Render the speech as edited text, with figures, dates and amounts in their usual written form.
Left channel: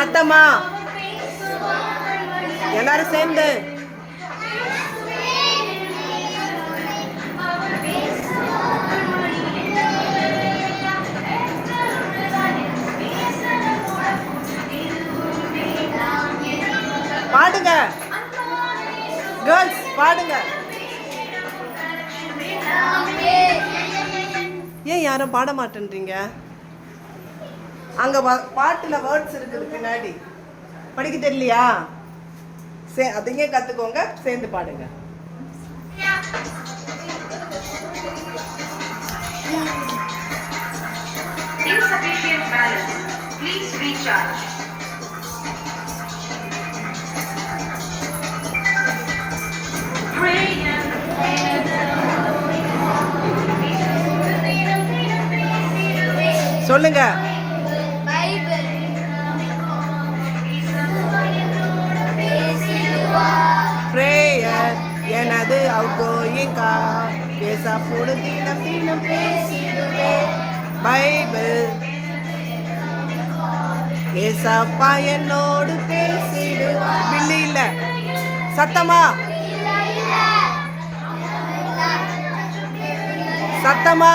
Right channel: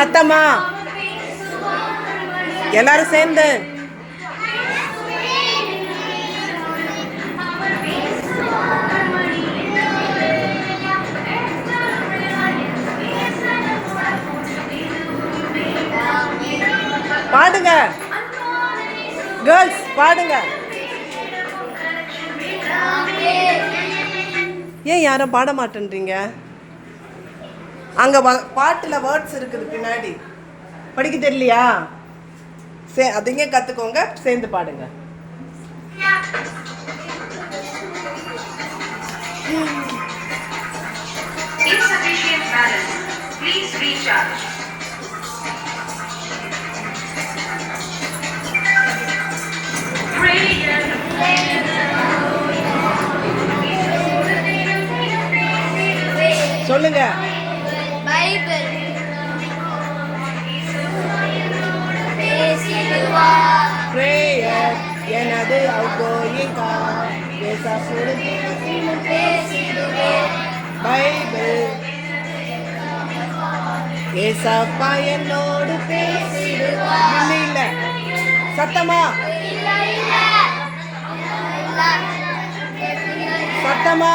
சத்தமா எல்லாரும் சேர்ந்து பாடுங்க கேர்ள்ஸ், பாடுங்க. ஏன் யாரும் பாட மாட்டேன்றீங்க? அங்க பாட்டுல வேர்ட்ஸ் இருக்குது பின்னாடி, படிக்க தெரியலையா? அதிங்க கத்துக்கோங்க, சேர்ந்து பாடுங்க. Insufficient balance. Please recharge. சொல்லுங்க. பிரேயர் எனது அவுட்கோயிங் கார், ஏசாப்போடு தினம் பேசிடுவேன். பைபிள் ஏசாப்பா என்னோடு பேசிடுவார். பில்லி இல்ல, சத்தமா சத்தமா